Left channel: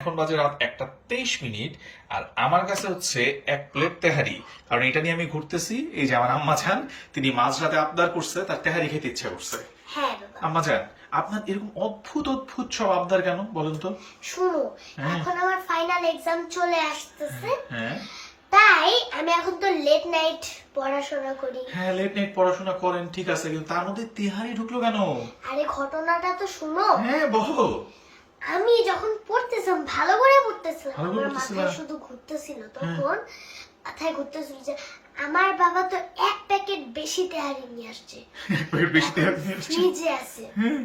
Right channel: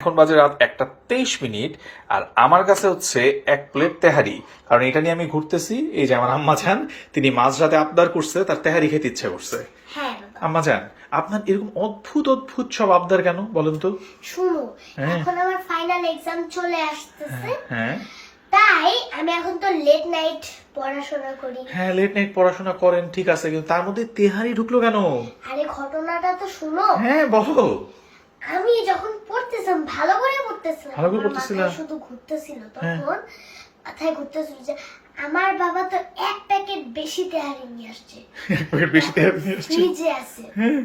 এখন বাজে রাত 1:23 আর আমার কাছে হচ্ছে 1 প্লেট তেহারি। কারণ এটা নিয়ে আমি ঘুরতেছি। এই যে আমার আম্মা জান, তিনি মাঝরাতে আবদার করছে, তার তেহারি খেতে ইচ্ছে করছে। হ্যাঁ বাবা। আম্মা জান, আপনার এরকম অদ্ভুত অদ্ভুত সব আবদার কেন বলেন তো? শুনো, হ্যাঁ। এখন আমার ফাইনাল এক্সাম চলে আসতেছে, হ্যাঁ তাই আমি এখন তো লেট নাইট পড়াশোনা করি। হ্যাঁ, লেট নাইট পড়াশোনা করেন, ঠিক আছে, কিন্তু তার মধ্যে তেহারি ঢুকলো কেন? আরে ঘটনাটা তো শুনো। হ্যাঁ বলো। আমি যখন পড়তেছিলাম, ভালো করে পড়তেছিলাম, ভালো করে আমার পড়তেছিলা? মাথায় শুধু ঘুরতেছিল, হ্যাঁ। তখন মাথায় ঘুরতেছিল যে আমার বাবা তো 1 প্যাকেট বেশি তেহারি নিয়ে আসছে, এক প্লেট বেশি তেহারি নিয়ে আসছে। ফ্রিজে আছে। হ্যাঁ।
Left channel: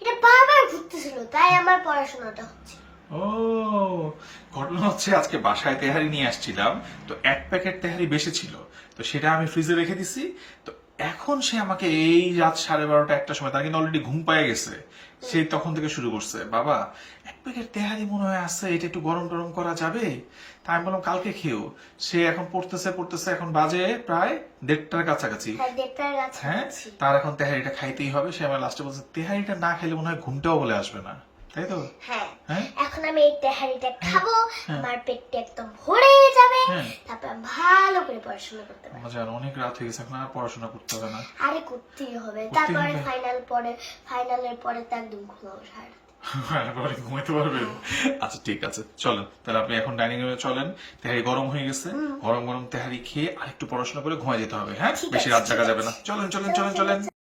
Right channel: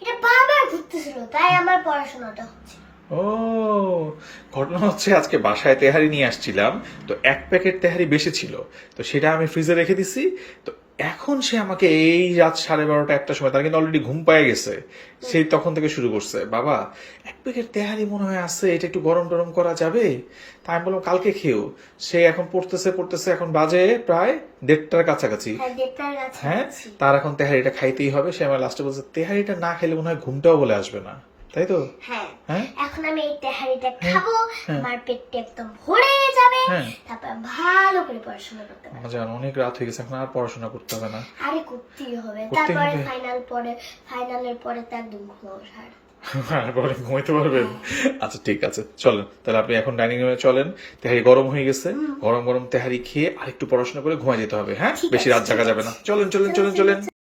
এটা বারবার ঘুরতেছিল, তাই আমার পড়াশোনাটা হচ্ছে। ও, ঘটনা হচ্ছে আজকে বাসায় তেহারি নিয়ে আসছিলাম, তো 1 প্যাকেট তেহারি বেশি ছিল, তো সেটা আমি ফ্রিজে রেখে দিছি। তো এখন সে আমাকে এই রাত 12:30 1টার সময়, তার কিন্তু অলরেডি ঘুম পায়ে গেছে, সেই তখন থেকে শুরু করছে, বাবা 1 প্যাকেট তেহারি মনে হয় আছে, এটা একটু গরম টরম করা যাবে? তাই আমি বললাম কালকে খেও। সে এখন পড়তেছে পড়তেছে, এখন বাজে প্রায় 1:30টার কাছাকাছি। হ্যাঁ, দেড়টার হ্যাঁ, কাছাকাছি। তার এখন তেহারিটা খাইতেই হবে। সে আমার লাস্টে বলছে তেহারিটা না খেলে মনে হয় ঘুমটাও বলে আসবে না, তাই তো? হ্যাঁ, হ্যাঁ এখন আমি এই তেহারিটা খাবো, হ্যাঁ। আমার পেটটা একদম ভরে যাবে, হ্যাঁ। তারপর ভালো করে পড়াশোনা করতে পারবো। আমার জান অনেক রাত হয়ে গেছে, এখন আর পড়াশোনা করতে হবে না। আরে করতেই হবে, করতেই তারপরে হবে? ফাইনালের পরে তার দিন ঘুমাবো সারা। আর পরে ঘুমাইতে পারবেন? আচ্ছা ঠিক আছে, চলেন তাহলে আপনি এখন ডাইনিং রুমে চলেন। তেহারি গরম হয়ে গেছে, গরম গরম তেহারি খেয়ে আরেকটু পড়াশোনা করে ঘুমাই যেতে হবে। হ্যাঁ, ঠিক বেশি আছে, রাত জাগা ঠিক যাবে না। আছে। চলেন চলেন চলেন চলেন।